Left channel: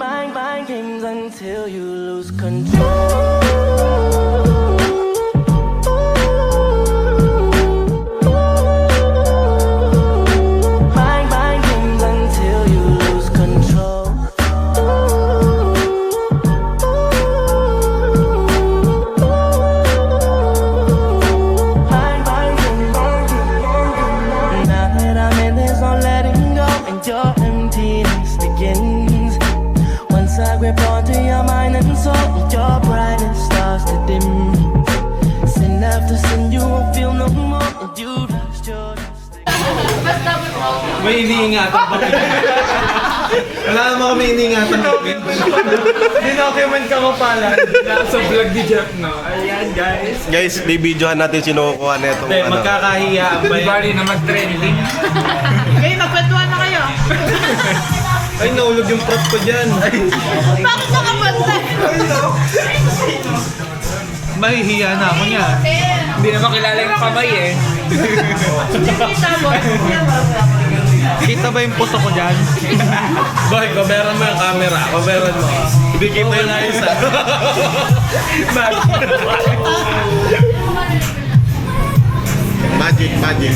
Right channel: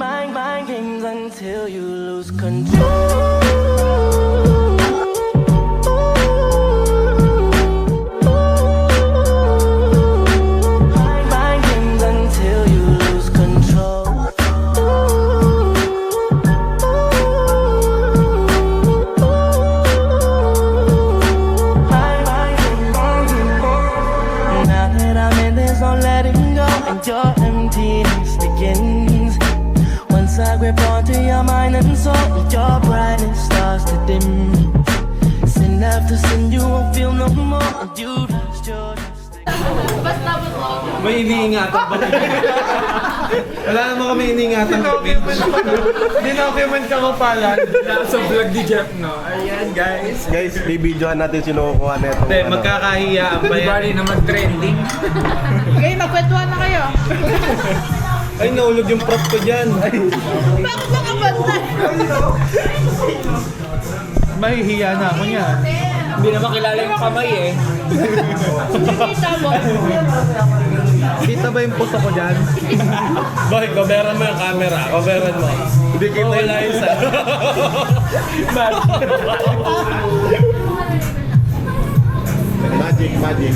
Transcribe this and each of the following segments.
mind games until you lose control. Mind games until you lose control. Now that I'm in, there's no letting go, and your emptiness begins. Once I grip onto your mind and soul, your brightness starts to dim. Sin after sin, you won't feel no more, and you lost your destiny. May iniingatan ba? Wala naman kami iniingatan. Dinocument ka mo pala. Nasa vlog ni Jeff, no? Ayan, guys. Guys, bibidyohan natin sinukuha na itong Hindi, magkakahiyaan ba yan? Bali na mag-trending. Okay, magkwentuhan na kayo. Ay, naulog yung prop ko dyan. Bakit nakabantay? Mahihiya na ako niya. Hindi naman kilala yung kamay eh. Kita mo. Kita ba yung puso ko dyan? Boy, coveran mo yung camera. Coveran mo. Hindi kita yung isa. Magic, magic.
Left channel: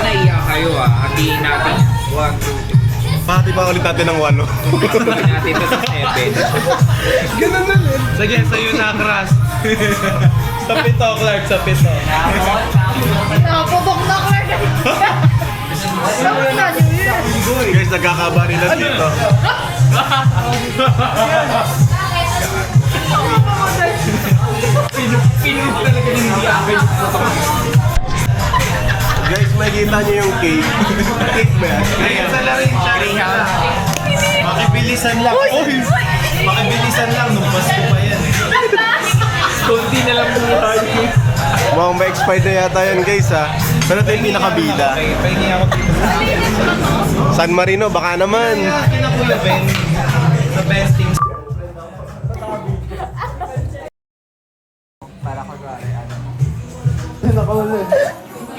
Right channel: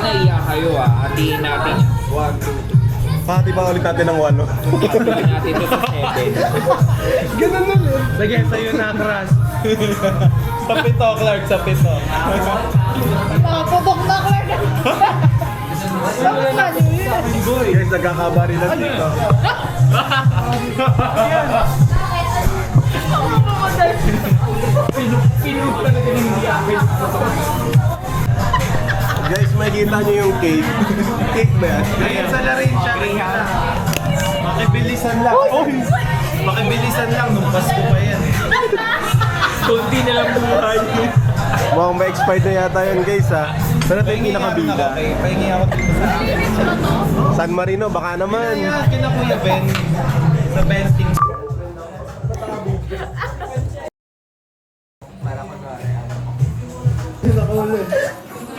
Naiyak kayo hatiin natin 1, 2, 3. Pati ba ulit natin ng 8? Hatiin natin ito sa 7. Ganun na rin. Sige, sa'yo na, Crush. Sa pito, Clark, sa pito. Nakapubok na ko na. Nakapubok na niyo yun. Guys, nagkakabari na dito. Pinug talaga yung hindi akin. Guys, makikita nyo yung cake. Cake ba yan? Greyhound. Makibilisan lang. Makibilisan lang, nung Pasko pa yan eh. Kunti na lang buhay. Mukhang ma-expired na yata yan guys ha. Pero ito yung pinakabida. Okay, pahingi ako dito sa San Marino, baka naman. kina Kuya Ben. Sa Benting.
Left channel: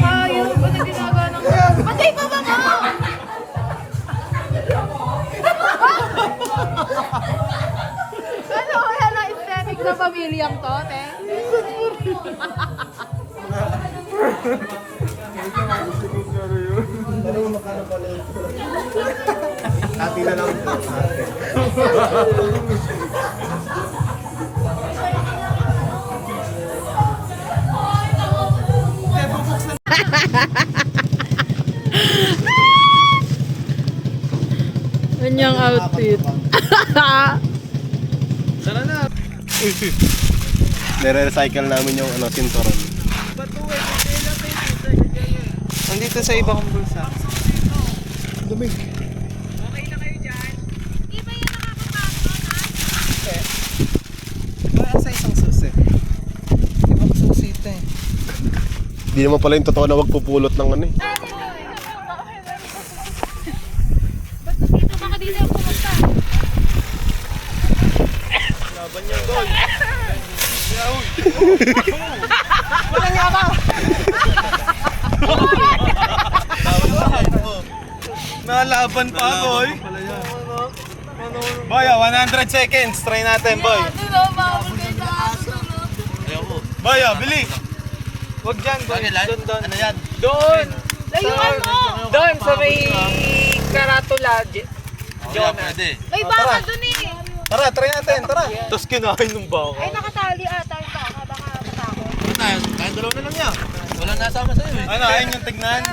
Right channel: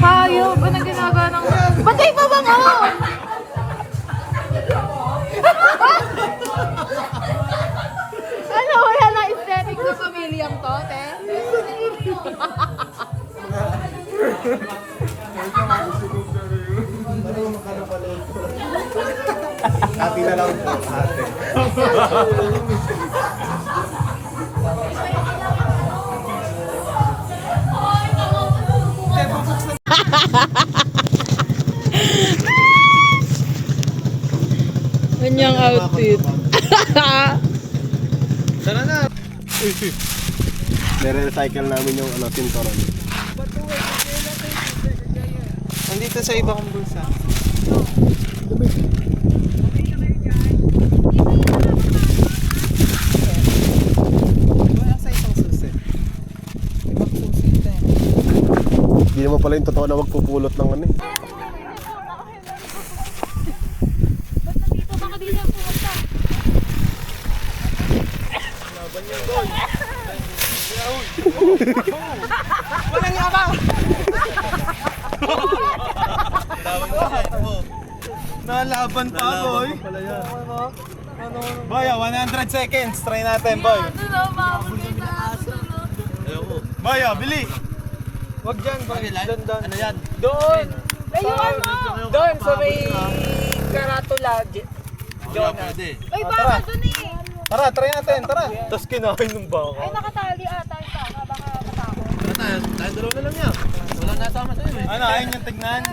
Ayaw ko na ginagawa ng... Patay pa ba mo? Ano, wala na aesthetic na pamilyang to, te? Ati na lang po. Ate. Kanyang outfit. Tara na. Nire-recycle namin yung sinturon. Nandito sa iba kong bulsa. Sa isang susi. Ibang susi ito eh. Hindi naman pala yung totoo na magpupulot ng ano eh. Basta dito, baka dito ang pumunta. Laban niya, Goy. Walang yaba! Nalaban pa, Boy. Boy, 100 seconds. Try natin, Boy. Boy, bili. Wag dyan, Boy. Doon. Ano yan? Doon! Layuan mo! Doon sa may karatula. John, pwede. Ay, baka dun eh. Tara, try natin. Tara. Tapos kinain ng baka. Ay, nakatali ata yung baka. Baka matakot. Kahit dalawa na lang yan. Walang nasama sa'yo eh. Ano, ayun yung tignan?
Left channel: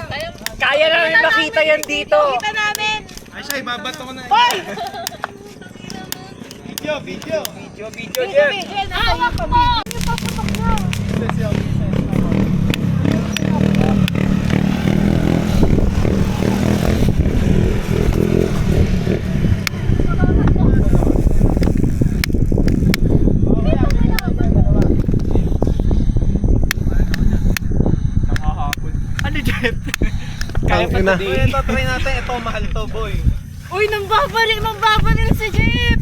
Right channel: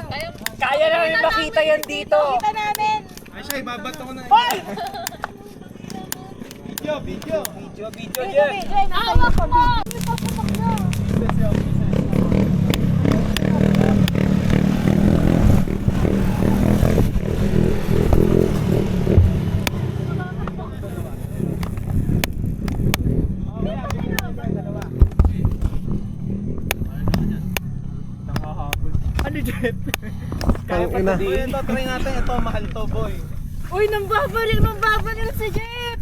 Kaya namin makita yan dito. Kita namin! Ay siya, ibabato ko na. Hoy! Video, video. Video, Dito, Jeff. Jen. Hawak mo! Papapak na. Ano, Jeff? Ang ina. Ito, try natin. Ito, mahal to, boy. Uy, magbabaril si Jeep!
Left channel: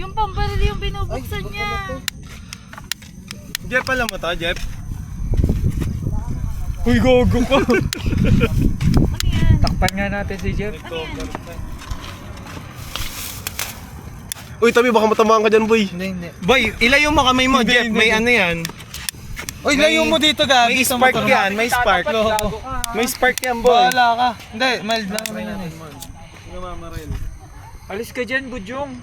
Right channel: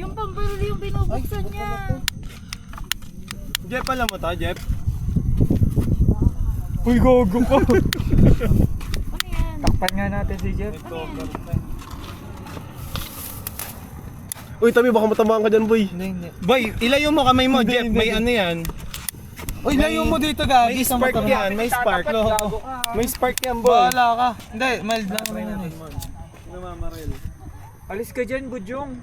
Yung pambaril yung binubuksan niya. Jeff, alam mo to, Jeff? Uy, gogo ko. Takpan nga natin si Jeff. Uy, tabi, baka matamaan ka dyan, boy. Hindi. Boy, ilayo mo kamay mo, Jeff. May ano yan. Uy, layo mo dito, Gagi. May spark yan, may spark. May spark yan, boy. Bahala ka. Hindi, mild lang naman yan eh. Alis ka dyan, Budyong.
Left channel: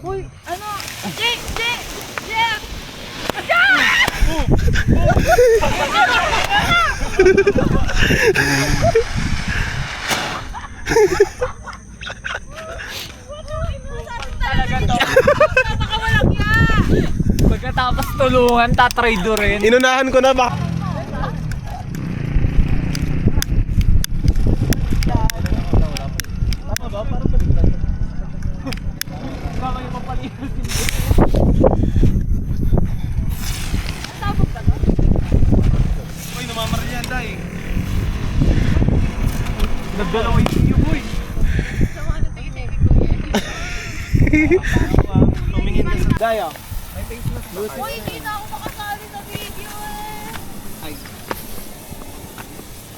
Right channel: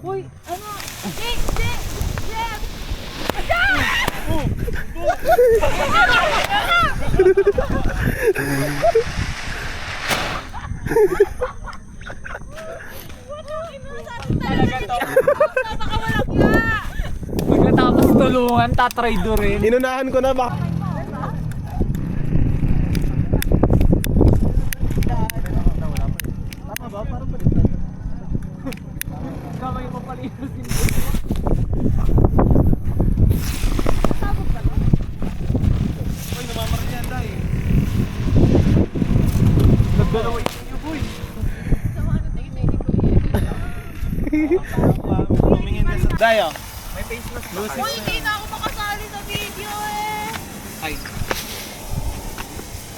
Uy, ano? Jake! Jake! Jake! Talaga to. Napakawalang ya! Pagkatapos tulungan, tatry do rin. Inunahan ko na, baka... Uy, namamaril yan, Day. Nagdalawa yung boy. Sama ano tingin ko yan. Tumingin ka sa Day, oh. Uy, hindi na ako makasali sa video eh! Ay.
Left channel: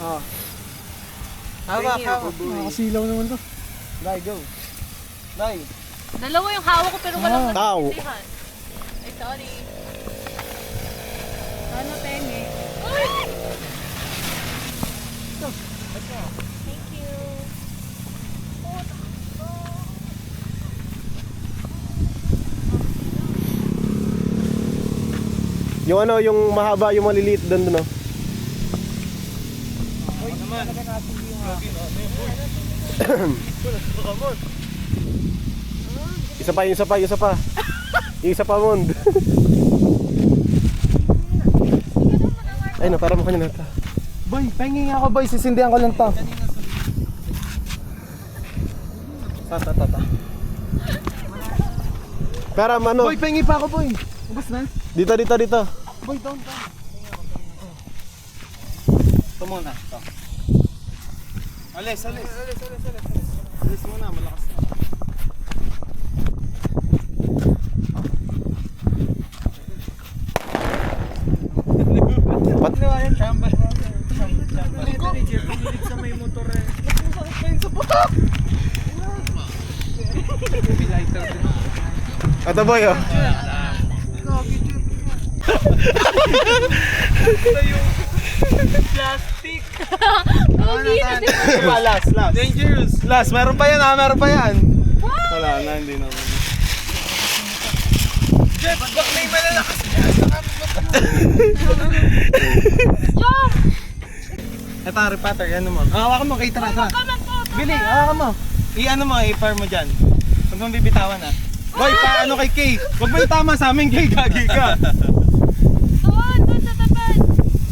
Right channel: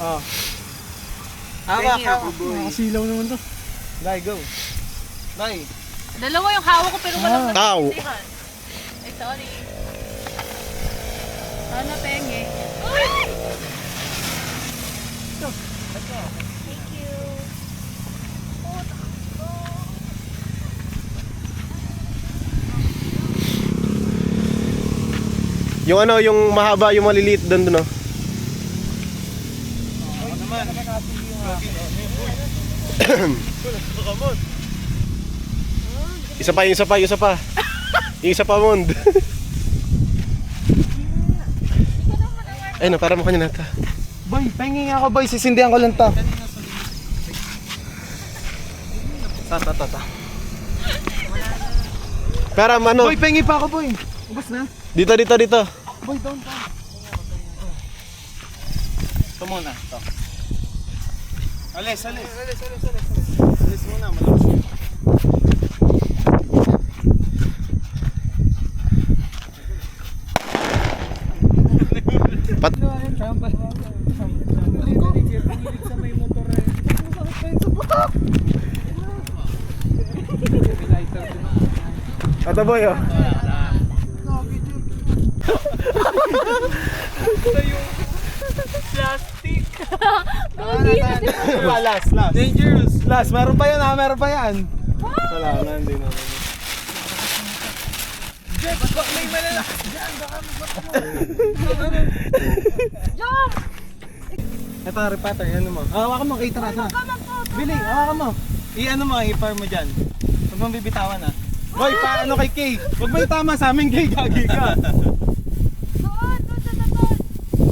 Oh. Hawak, hawak. Nakasilaw naman to. Day, go. Day. Dalawa yung hawak ko pero walang Ow. nagsisintihan. Ay, sorry. Ano, penge? Uy! Thank you. Yung ano, yung mahaba, yung maliliit doon, no? Isa pa, yung isa pa, yung isa pa. Yung isa pa, Mond. Ay, no, para mo kanya nata. Boy, pahingin nga ako, boy. Sisindihan ko lang to. Ta. Para, ano? Boy, pahingi pa ako, boy. Ubus na. Dito. Boy, down pa. Ito muna. Ito. Alis. Alis muna, malakas yun. Pat Ito, boy, oh. Pogi na din. Last. Dangerous. Last, meron pa yan, meron pa yan. Wala na, hindi na. Jeff, bak may malalakas dyan. Jump! Ito, repatter, yan mo. Hawakan mo, kay tara. Bili, hawakan mo. I-ano mo, i-fire mo dyan. Huwag mong bibitawan, ah. Boy, paano kay Kay? Huwag mo itama sa amin, Kay. Gagi ka. Doon sa tapat.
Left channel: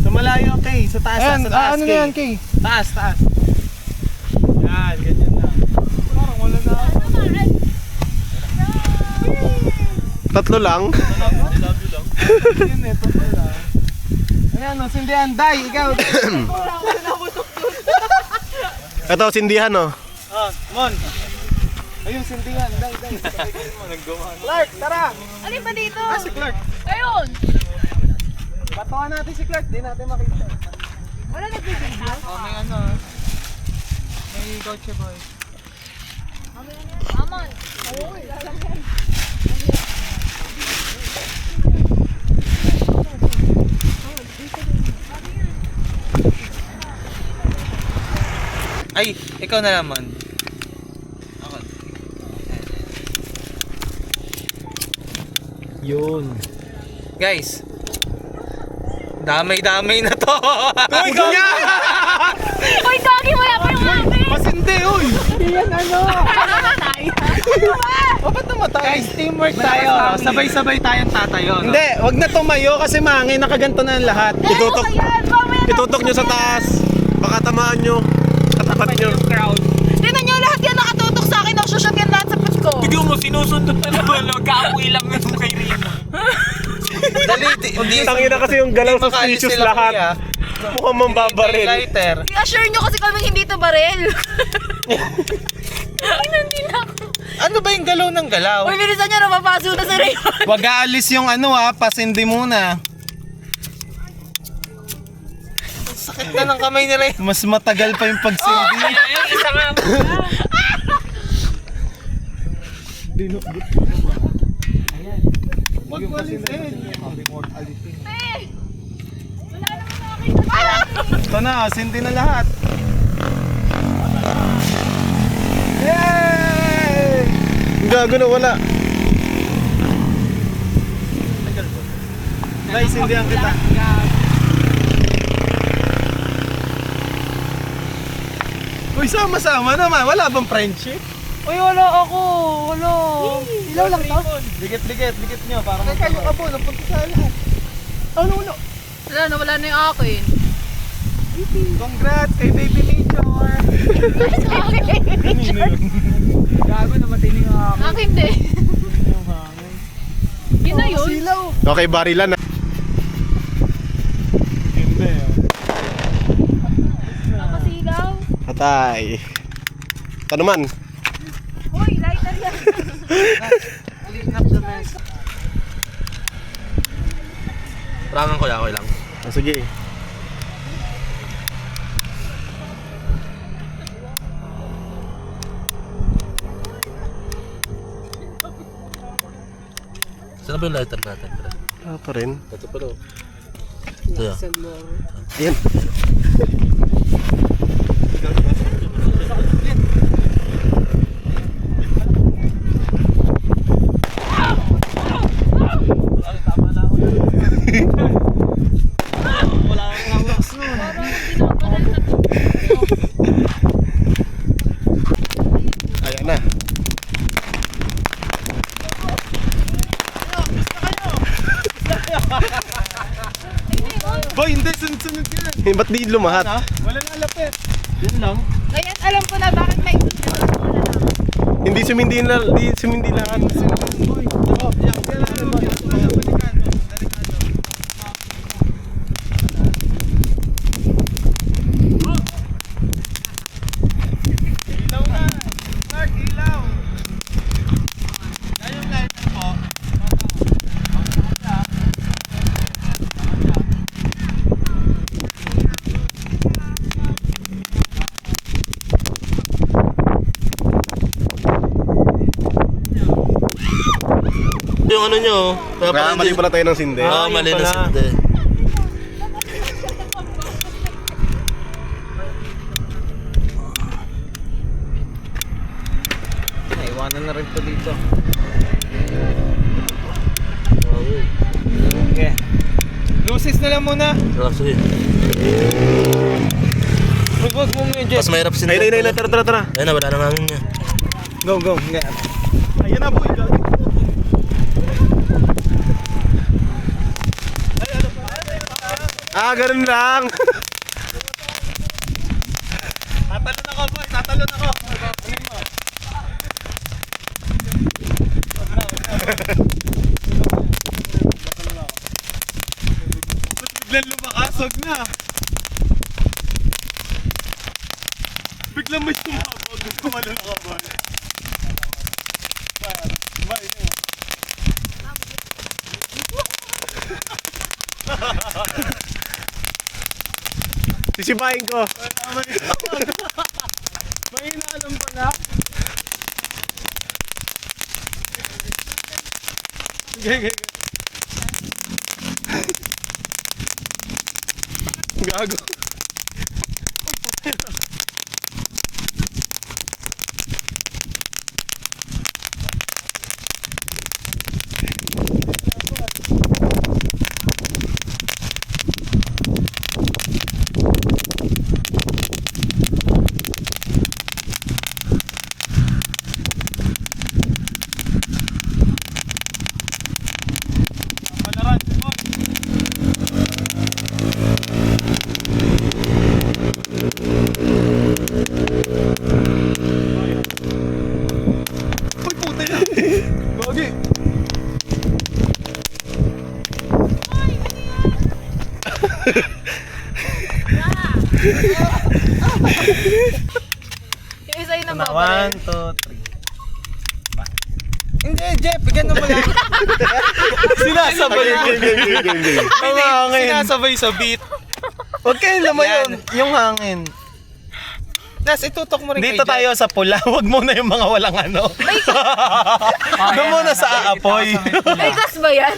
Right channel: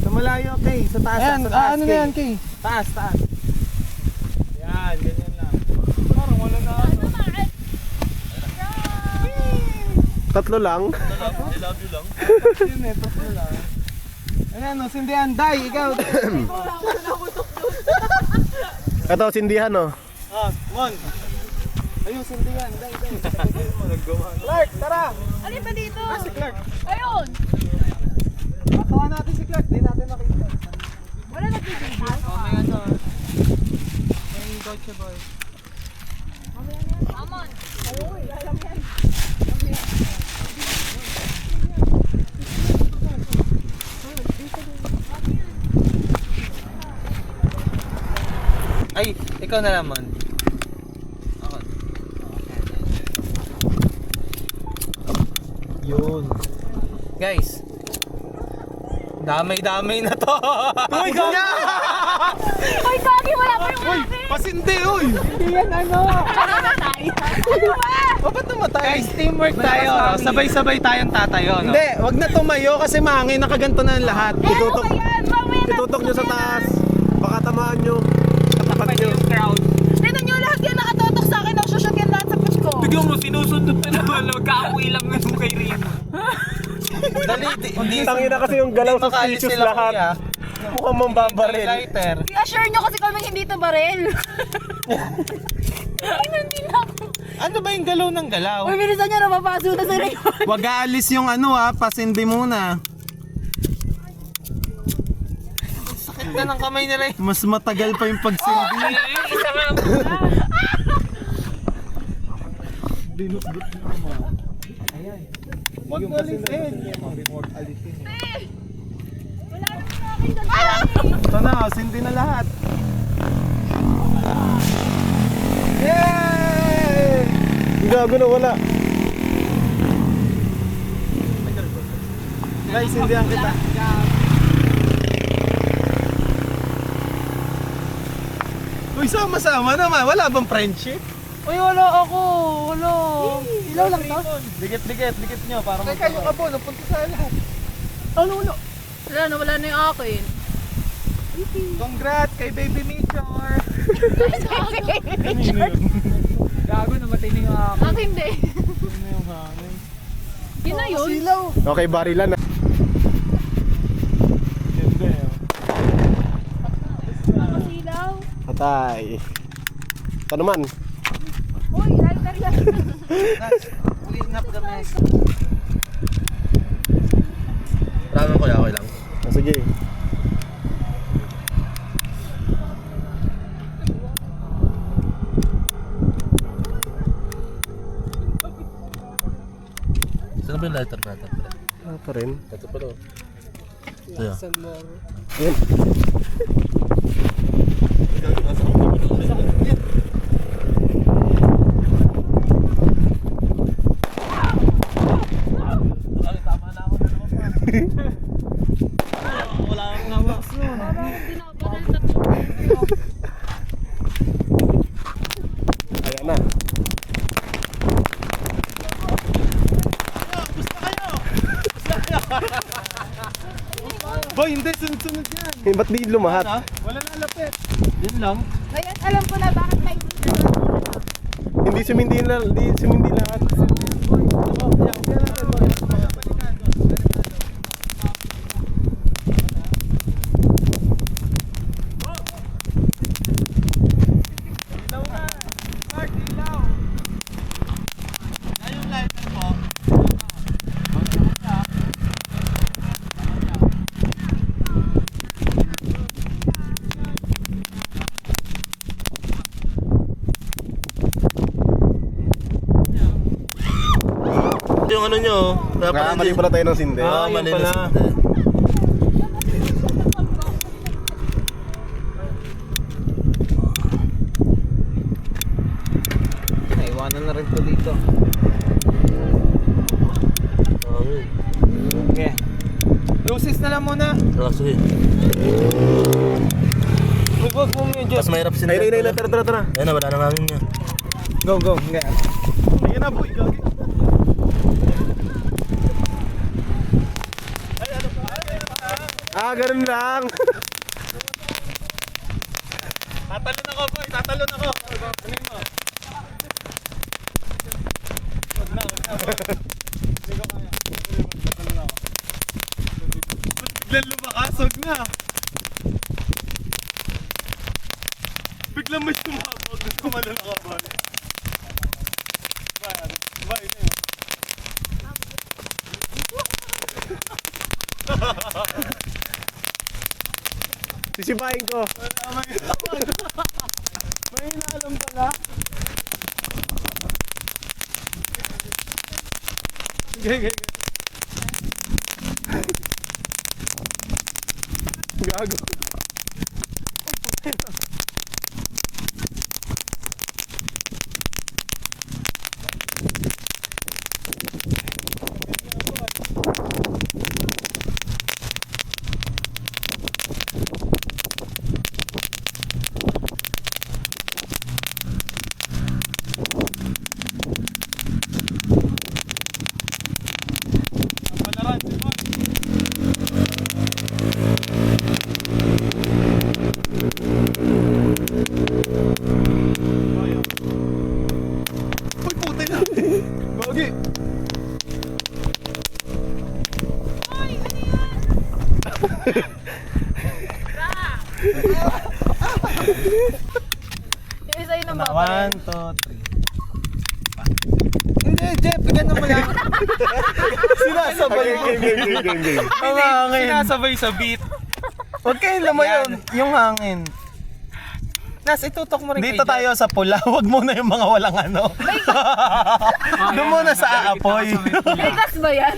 Sa malayo, Kay. Sa taas, Ayan, sa taas, ano na yan, Kay? Taas. Yan, ganyan lang. Parang wala na. Ano na, Red? Tatlo lang. I love you lang. Yun eh, tatlo lang. Ayan, no, sindihan. Day, ikaw. Ito, sindihan, oh. Mon. Ayun, sindihan. Day. Clark, tara. Alin ba dito? Si Clark. Ayun! Patawa natin si Clark. Di natin makita. Wala nagbibigay. May ano. May Gotcha Boy. Amon. Uy, alam yan. Ay, ikaw na naman. Ako. Yun. Guys. Damay-damay na to. Uy, gagi! Uy, Gagi, wala pa yung amin! Pasindi, uy! Yan ano? Namatay. Ano ba? O, ba't namatay? Guys, teamwork tayo. Sabay-sabay tayong tatayo. No? Hindi, wag na tumayo kasi mangin. Nakaganto na ang lahat. Itutok. Ano ba yan? Mamaya na- Itutok nyo sa taas. Baka tamaan nyo. Katapat nyo. Crowd. Tignan nyo, lahat yan nakatutok sa akin. Nagsushot yan lahat sa push ko. Bigyan mo, sinusunod na naman. Magkaapoy lang yung kay Rina. Dali, Tangina kasi yung galaw suspicious lahat. Mukhang mambabaril. Lighter. I-assure nyo kasi kami hindi to baril. Ay, hindi na ako. Ano ba yung galaw ng galaw? Uy, bilisan nyo, napapaso na sa Rayon. Wag aalis yung ano pasindi muna. na ng kamay nila. Mas matagal pa yung pagsindi. Isa nga mo na. Binukbit ko naman. Ayan. Huwag mo alisin. Ito na, sindi na lahat. Yay! Gago na, wala. Guys, sindihan kita. Uy, sama-sama naman. Wala bang friendship? Uy, wala ako. Wala. Ilaw lang to? Dikit nyo para magkakaroon ka po. Napunta sa lahat. Ano? Wala na, wala na yung akin. Congrats kay Baby Major. Gago na matining ako. Akin din. Yun na yun. Silaw. Okay, barilan na. Ganda eh. Nakasilaw. Patay. Ito naman. Uy, lighter yan. Clean up the mess. Rangan ko lang, okay lang. Ah, sige. Saan ba yung lighter natin? Ah, pa rin. Ito pa daw. Ito yan. Yan. Wala kang ngawas nun. Parang pinaparal na to. Ayan na. Boy, hindi. Sunod-sunod yan. Eh, ba't di lumahat? Ha? Wala na lapit. Yan lang. Ngayon, alam ko na bakit may Hindi sumindi na, di sumindi lahat. Boy, ilaw na. Mark, ilaw. Yan yung lighter po. Yung ano nyo, kaya Kaya mali pala tayo ng sindi. Oo, yun mali na pala. sindi. Iwanan na rin po dito. Okay. Lucis na lang muna. Relax, sige. Huwag mo medyo. Mas mahirap sindi. Ay, tara. Ayun na, wala na namin niya. Go. Hindi. Ayan na boy. Ah, ganun lang. Tatalon ako boy. Tatalon ako. Kunin mo. Biglang lumakasog na. Biglang may tumabog. Tumalon ako boy. Bye. Sisipahin ko. May inaalam pala. Sige. Gago. Palaran. Uy, puti na. Gogi. Yung isa yun ang babaril. 1, 2, 3. Hindi, Jeff, bigyan mo lang. Sinasabay mo. Game. Sinasabay sa beat. Huwag kayong lumayon. Yung hangin. Nas, itutok mo rin dito tayo sa pula. Huwag muna yung mga walang ano. Doon muna sa aapoy. May gas ba yan?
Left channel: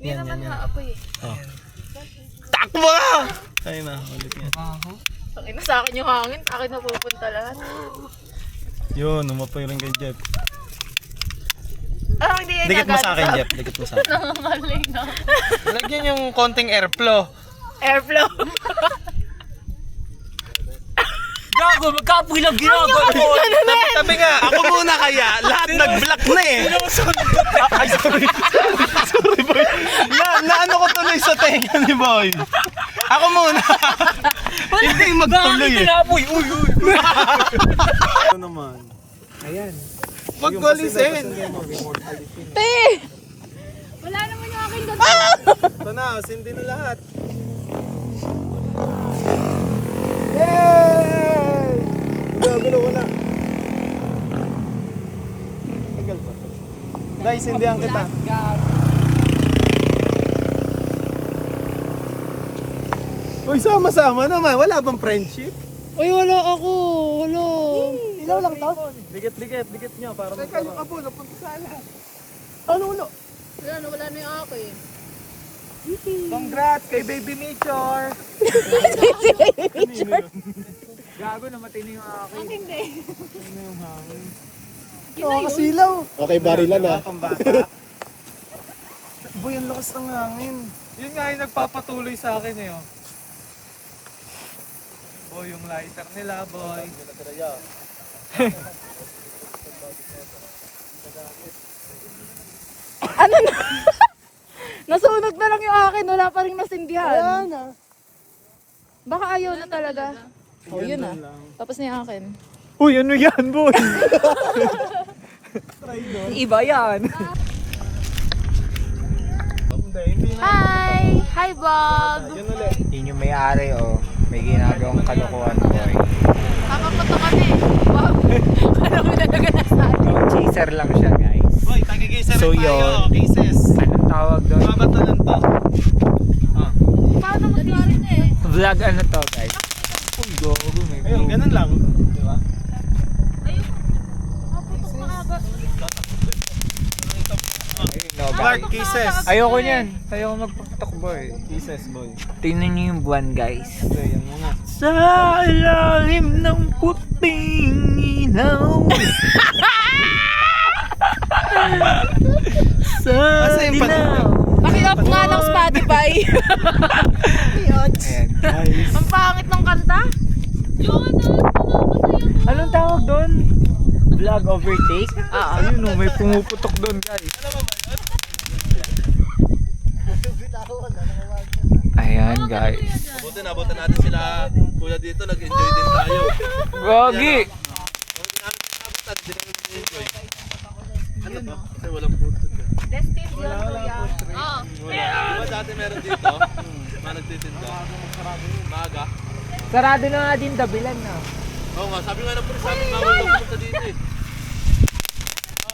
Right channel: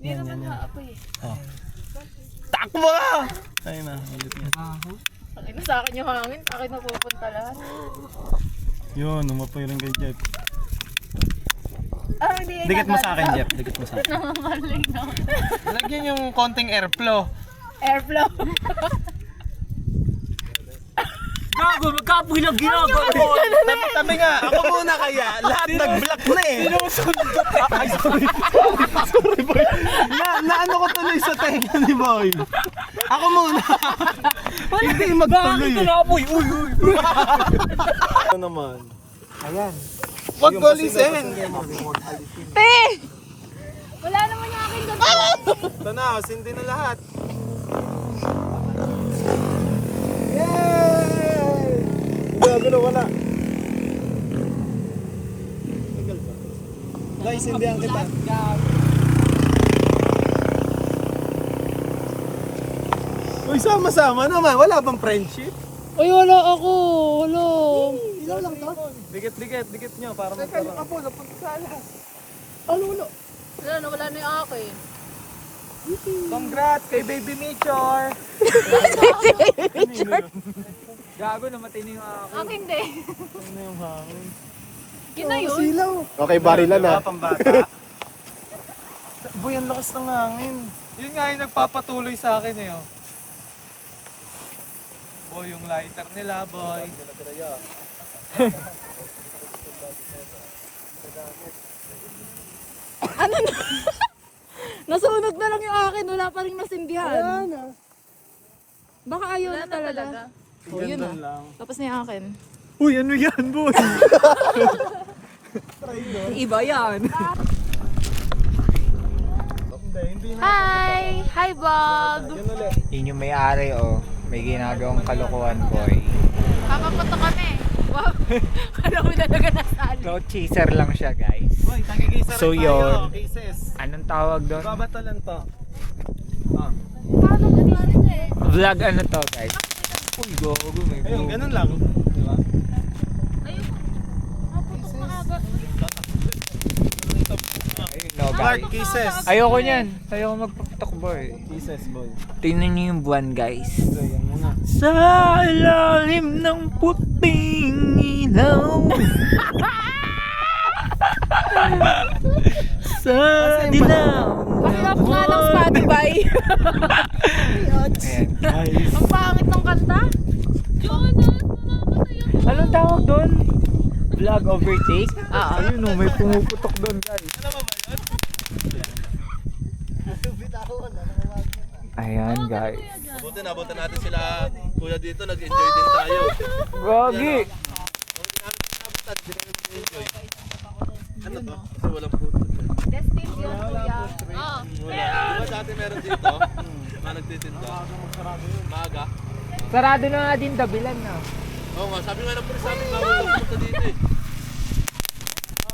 Hindi naman haapoy eh. Takbo ka! Ay na, ulit yan. Pakina sa akin yung hangin, akin na pupunta lahat. Yun, umapoy rin kay Jeff. Ah, hindi yan Dikit mo sa akin, Jeff. Dikit mo sa akin. Nangangaling na. Lagyan yung konting airflow. Airflow. Gago, magkapoy lang ginagawa mo. Tabi nga, ako muna kaya. Lahat nag-block na eh. Ay, sorry. Sorry, boy. Naano ko tuloy sa tenga ni boy. Ako muna. Hindi magtuloy eh. Ginapoy, uy. Ano naman? Ayan. Wag walisin. Te! Wala naman yung aking ganda. Ito na, sindi na lahat. Grabe na wala. Tagal pa. Guys, sindihan kita. Uy, sama-sama naman. Wala bang friendship? Uy, wala ako. Wala. Ilaw lang to. Dikit nyo para magkaroon. Kayo po, napunta sa alas. Ano? Wala na yung akin. Congrats kay Baby Nature. Gago, namatay na yung ako. Aking din. Ano yung hangin? Kinayon. Okay, barilan na. Pambata. Boy, ang lakas ng hangin. Yun nga yung nagpapatuloy sa akin eh. Oh. Boy, yung lighter nila, boy. Ano na? Nasunog na lang yung akin. Wala pa rin nasindihan. Baka ayaw na talaga. Oh, yun na. Tapos na yung akin. Uy, ano yan, boy? Iba yan. Hindi na. Hi! Hi, vlog! Yun ulit. Yun yung may-ari oh. May ginagawang kalokohan boy. Papapunta kami. Wow! Alam mo talaga na sa akin. No chaser lang siya guys. Boy, tagi-gisa So, rin tayo. yun. Cases. Anong tawag doon? Babato lang to. Ah. Paano mo rin eh? Vlog ano to guys? Uy, gogo may Ayun, ganun lang. Di ba? Ayun. Maputok na aga. No, Clark, cases. ayoko niyan. Ayoko magpapatok boy. Cases, boy. Tingnan niyo yung buwan guys. Okay, yan muna. Sa ilalim ng puting ilaw. Sa Asa yung dilaw. Paki-off nga ng Spotify. Ayan guys. Ang pangit ng kanta. Anong tawag doon? Vlog overtake? Ayun no, may pumuputok doon guys. Ayan guys. Buti nabutan natin sila kuya dito, nag-enjoy din tayo. Gogi! Buti namin nabutan, hindi namin enjoy. Ano to? Kasi walang food. Destin yun, kuya. Oo. Diba dati meron dito? Mga nagtitinda. Maaga. Sarado na nga din dabilan na. Oo nga, sabi nga ng pulis sa amin, bawal daw pumunta dito eh.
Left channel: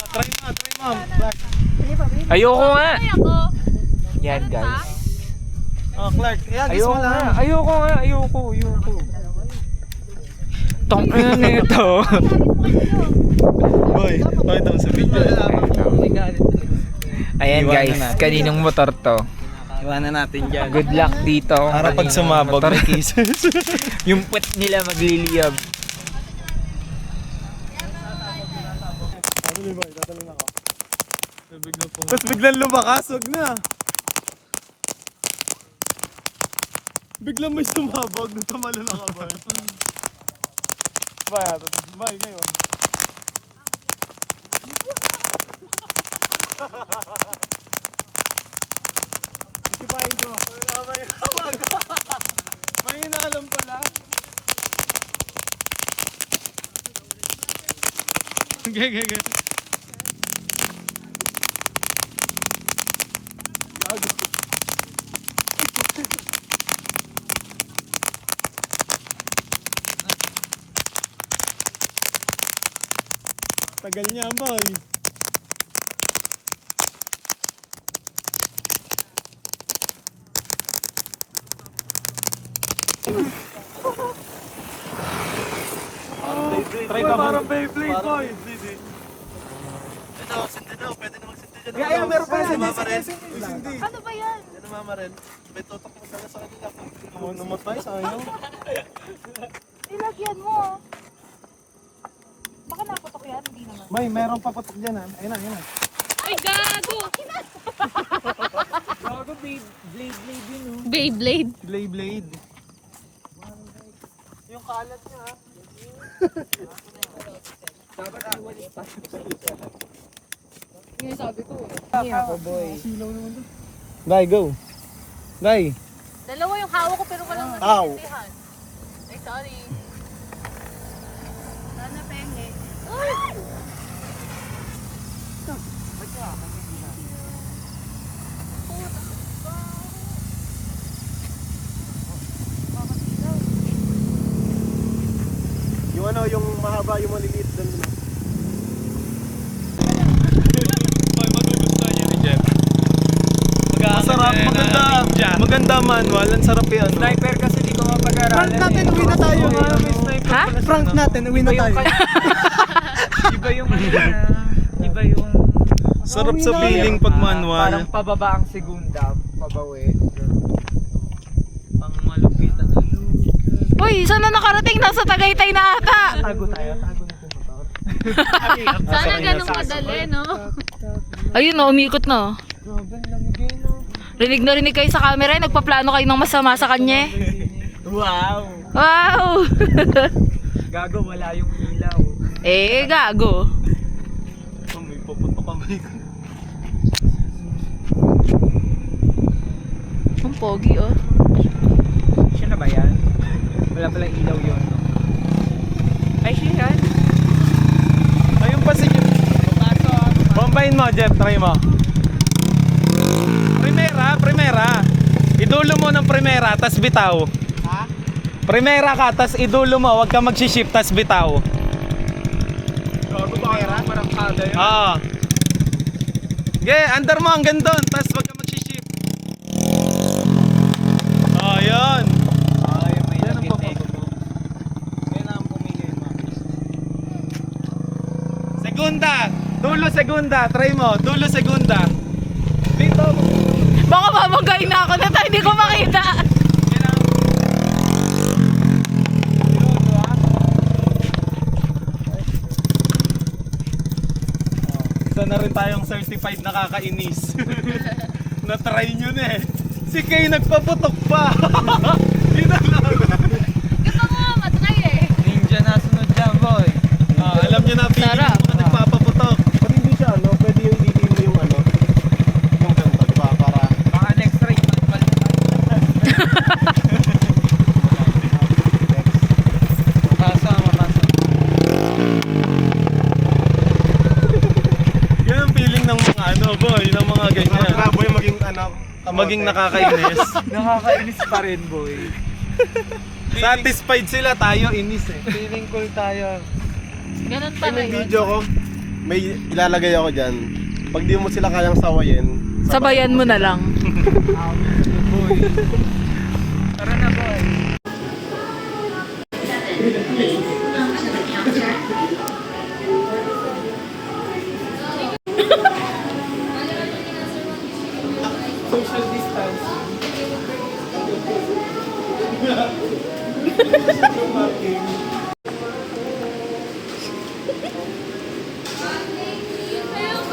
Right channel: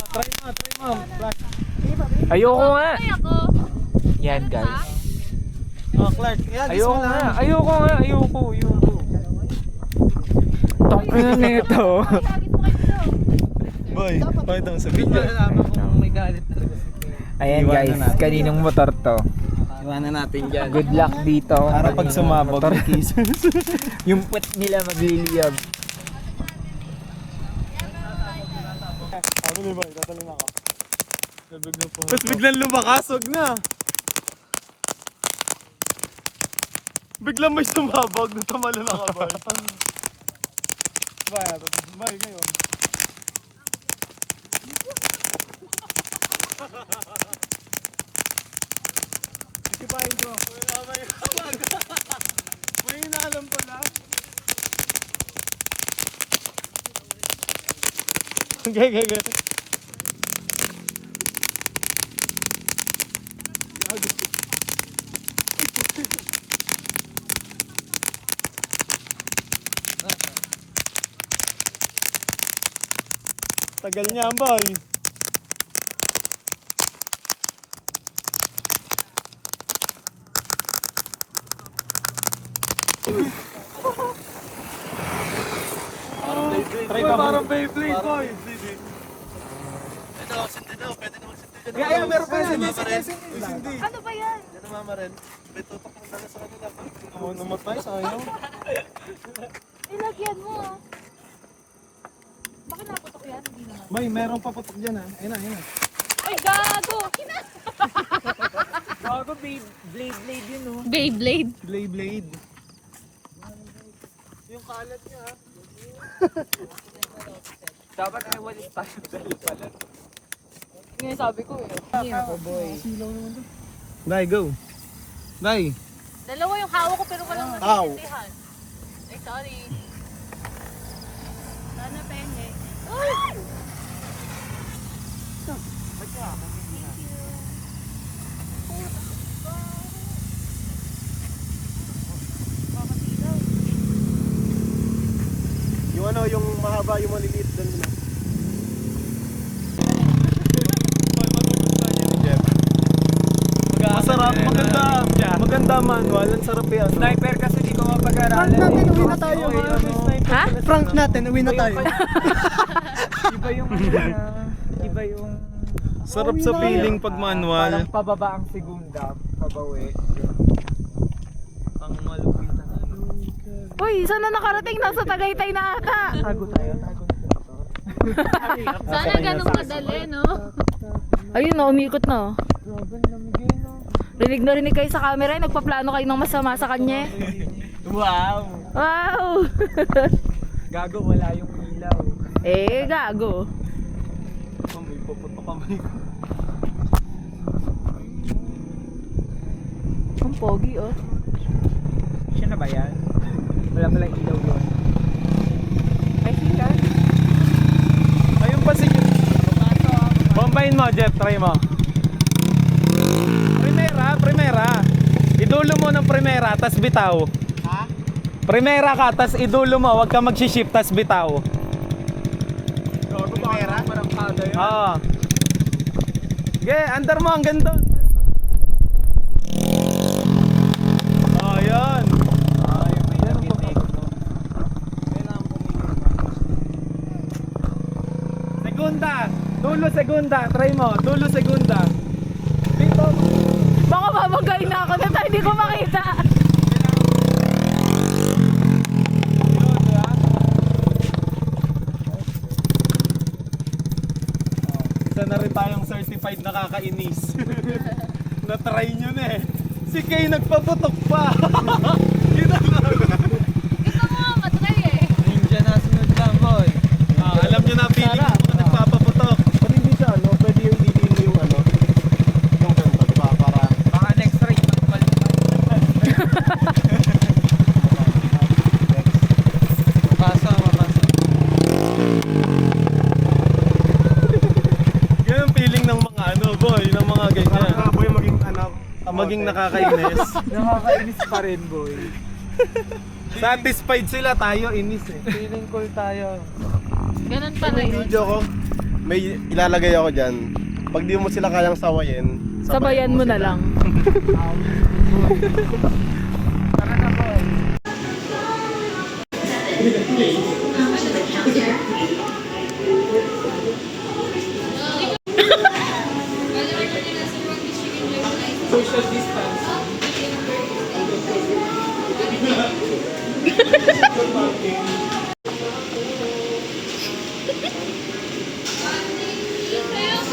Try mo. Clark. Ayoko nga! Ay, ako. Yan guys. Oh, Clark. Yan, Ayoko mo nga. lang. Ayoko. Tong ina nito. Boy, pakita mo sa video. Ayan Iwanan guys, natin. kaninong motor to? Iwanan natin dyan. Good luck dito. Para pag Kaninong sumabog motor. may cases. Yung puwet nila magliliyab. Ano ba? Tatalon ako. Tapos biglang lumakas, wag na. Biglang may sumabog na tumalo na ka, boy. Bye ngayon. Isipahin ko. May inaalam pala. Okay. Tagal niya, boy. Try ka parang Beyblade, boy. Ito, sindi daw. Pwede na magsindi dyan. Kaya meron pa yan. Sindi. Ano ba yan? Yan ang mama rin. May tutok mo talaga sa kanila. Ano namatay, sayang. Ilagyan mo. Baka naputok yan, hindi naman. May, meron paputok dyan ha. Ayun na, ayun na. Ay, gago! Bago blade yun oh. Beyblade. Blade. Yung kalat niya ha. Dapat ay walis tayo pala. Yung sabi ko eh. Hindi ako, boy. Guy, go. Guy. Dalawa yung hawak ko pero walang Ow. nagsisindihan. Ay, sorry. Sana penge. Yung ano, yung mahaba, yung maliliit doon. Masarap, maganda manual. Ang sarap yan. No? Sniper kasi di ko mapag-aralan. Prank natin, uwi na tayo. Ha? Prank natin, uwi na tayo. Iba yung ano na. Iba yung... Sarap sa feeling pag Parang manual. pababa ang segunda, pabawi. Ang malupitan na. Uy, saan na nakarating? Nasa Tagaytay na ata. Tago tayo, tago na po kapag. Sana ganun madali, no? Ayun na, umikot na. Rinig na rinig kayo sa camera, nagpaplano kayo ng masama sa kanya. Wow! Wow! Gago, wala yung ilaw. Eh, gago. May papunta kamay ko. Ang pogi, oh. Siya na ba yan? Wala palang ilaw yun. Ay, siya yan. Ayun pa si Jeff. Bombayin mo, Jeff. Try mo. Primera. Idulo mo ng primera, tas bitaw. Ha? Primera ka, tas idulo mo. Huwag ka mag-shift, tas bitaw. Gago ba kaya? Parang kada yun. Oo. Okay, under mo hanggang doon, tas huwag ka mag-shift. Oh, yun. Ay, may nag-detect. Segunda. Dulo segunda. Try mo. Dulo segunda. Bitaw mo. Baka mamagayin na ako na tayo, hindi ko makita. Isa na rin tayong certified nakakainis. Na-try nyo na eh. Si Kay nagpaputok pa. Yun na lang. Hindi pa nga matry eh. Ninja na sunod dyan, boy. Alam nyo na feeling Sarap. ng mga nagpapaputok. Pag hindi siya, ano, pwede yung ididiin mo yung ano, yung ganito, di ba? Para, Baka next ride, manual na tayo. Mapasa. Yan ang feeling ng mga ano boy, ng mga ganyan. para boy maging anak. Maging nakakainis. Nakakainis pa rin, boy. Satisfied sila, tayo inis eh. Feeling cool tayo. Ganun May talaga. video ko, may ilalagay ako dyan. Pag di mo sila kayang sawayin, Sabayan mo na lang. Tara na, boy. Social distance.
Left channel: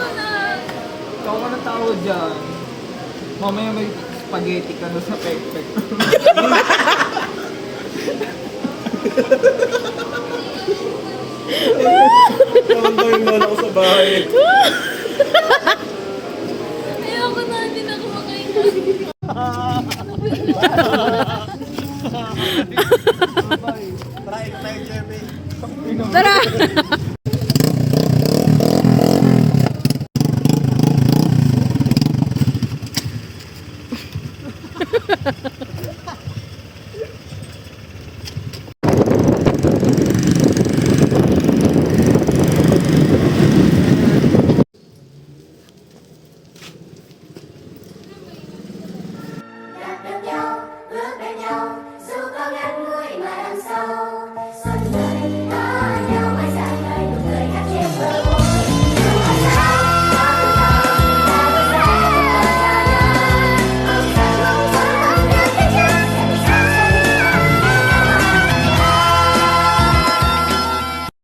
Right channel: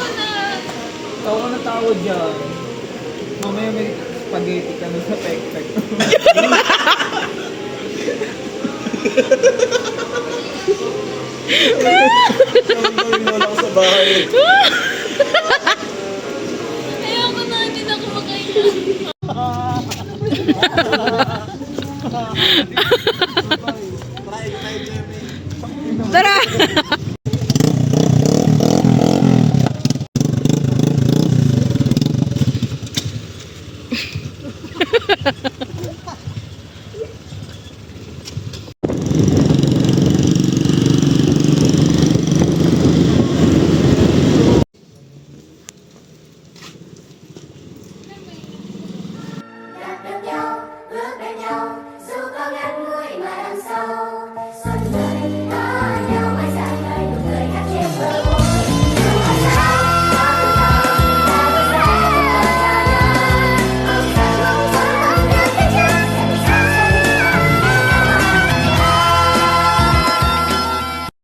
Ikaw ka natawag dyan. Mamaya may spaghetti ka na sa pek-pek. ang gawin mo lang sa bahay. Ayoko na, hindi na ako makain. Tara! Yak bên nhau, bước bên nhau, dù có abangan mo